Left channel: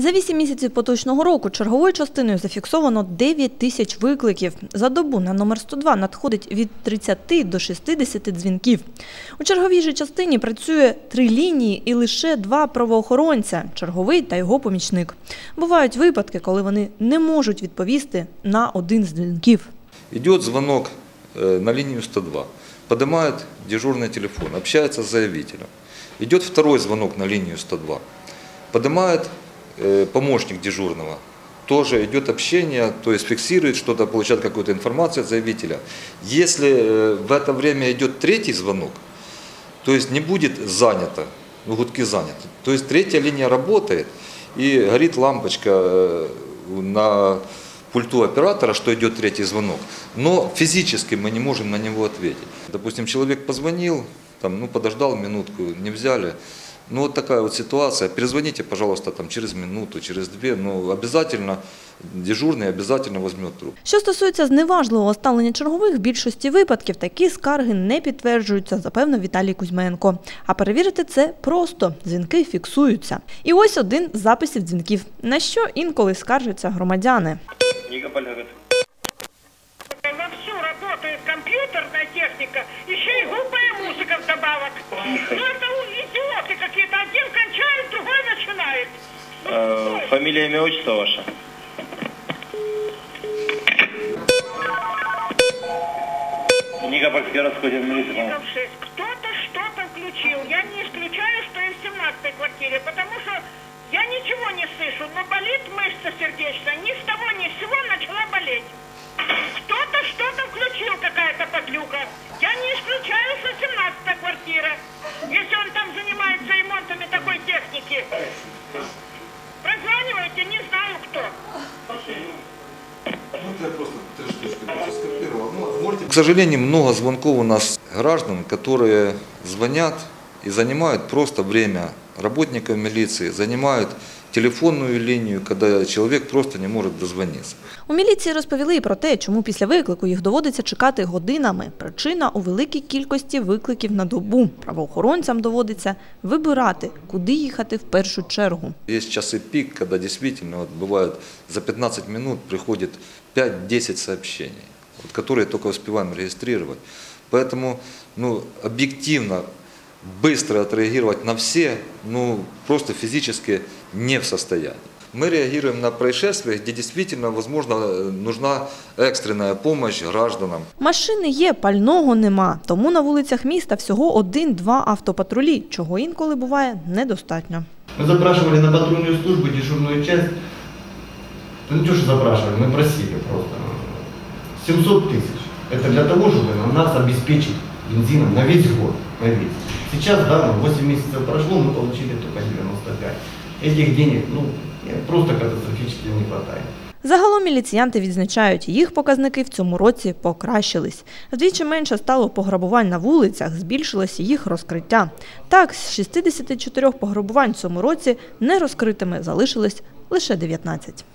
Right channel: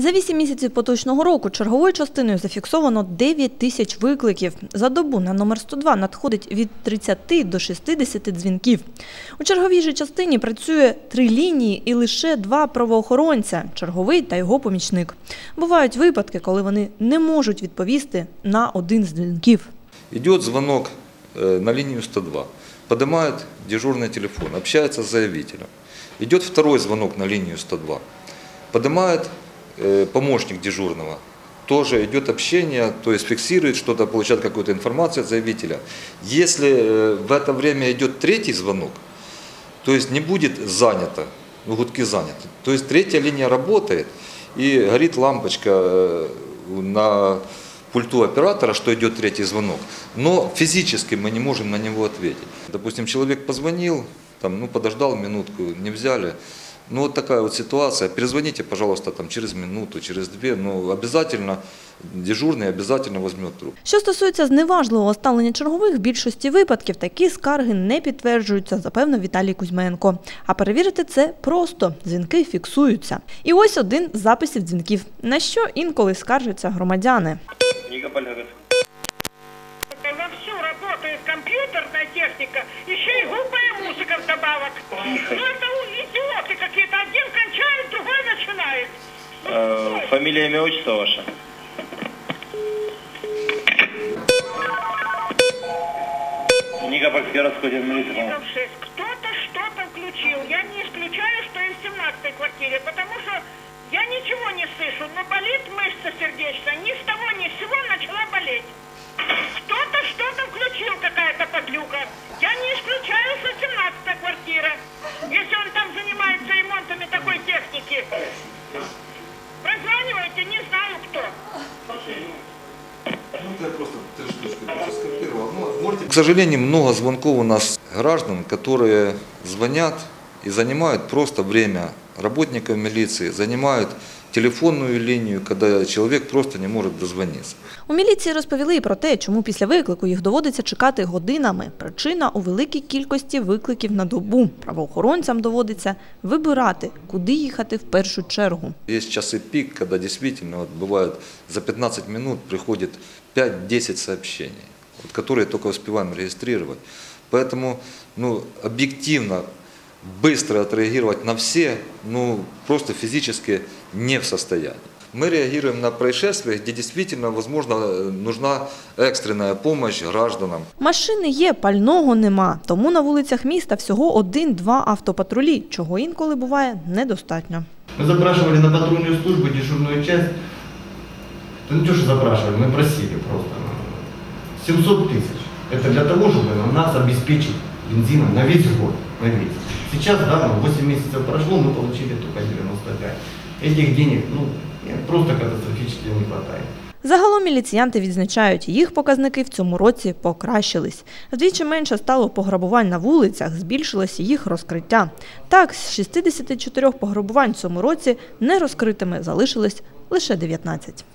За вісім місяців поточного року черговою частиною зафіксовано 9 тисяч викликів. За добу на номер 102 надходить від 30 до 60 дзвінків. У черговій же частині працює три лінії і лише два правоохоронця – черговий та його помічник. Бувають випадки, коли вони не можуть відповісти на один з дзвінків. Идет звонок э, на линию 102. Поднимает дежурный телефон, общается с заявителем. Идет второй звонок на линию 102. Поднимает э, помощник дежурного. Тоже идет общение, то есть фиксирует что-то, получает какую-то информацию от заявителя. Если э, в это время идет третий звонок, то есть не будет занято, ну, гудки заняты. То есть третья линия работает и горит лампочка э, на пульту оператора, что идет третий звонок. Но физически мы не можем на него ответить. Допустим, человек позвонил, там, ну, подождал минутку, не взяли. Ну, вот такая вот ситуация. Перезвоните, пожалуйста, там, через минуту, через две. Но обязательно дежурный обязательно возьмет трубку. Що стосується зневажливого ставлення чергових, в більшості випадків такі скарги не підтверджуються, запевнив Віталій Кузьменко. А перевірити це просто. Дзвінки фіксуються. І ось один з записів дзвінків, на що інколи скаржаться громадяни. Никополь говорит. Вовсю работает компьютерная техника, еще и глупая музыка вдобавок. Ну это фамилия, имя, отчество ваше? Никопольский городской. Ников шесть. Кто-то что-то включил. Я не исключаю, что и в 17 квартире, потому что я ничего не слышу, но болит мышца сердечная. Ни с того К сожалению, много звонков у нас граждан, которые звонят и занимают просто время работников милиции, занимают телефонную линию, когда человек просто не может дозвониться. У міліції розповіли і про те, чому після виклику їх доводиться чекати годинами. Причина у великій кількості викликів на добу. Правоохоронцям доводиться вибирати, куди їхати в першу чергу. Есть часы пик, когда действительно вот бывает за 15 минут приходит 5-10 сообщений, вот, которые только успеваем регистрировать. Поэтому ну, объективно, быстро отреагировать на все, ну, просто физически не в состоянии. Мы реагируем на происшествия, где действительно, возможно, э, нужна экстренная помощь гражданам. Машини є, пального нема, тому на вулицях міста всього один-два автопатрулі, чого інколи буває недостатньо. Мы запрашивали на патрульную службу дежурную часть. Да не то, что запрашивали, мы просили просто. 700 тысяч. Это для того, чтобы нам- нас обеспечить бензином на весь год. На весь. Сейчас, да, ну, 8 месяцев прошло, мы получили только 95. Этих денег, ну, просто катастрофически не хватает. Загалом міліціянти відзначають, їх показники в цьому році покращились. Вдвічі менше стало пограбувань на вулицях, збільшилося їх розкриття. Так, з 64 пограбувань в цьому році нерозкритими залишилось лише 19.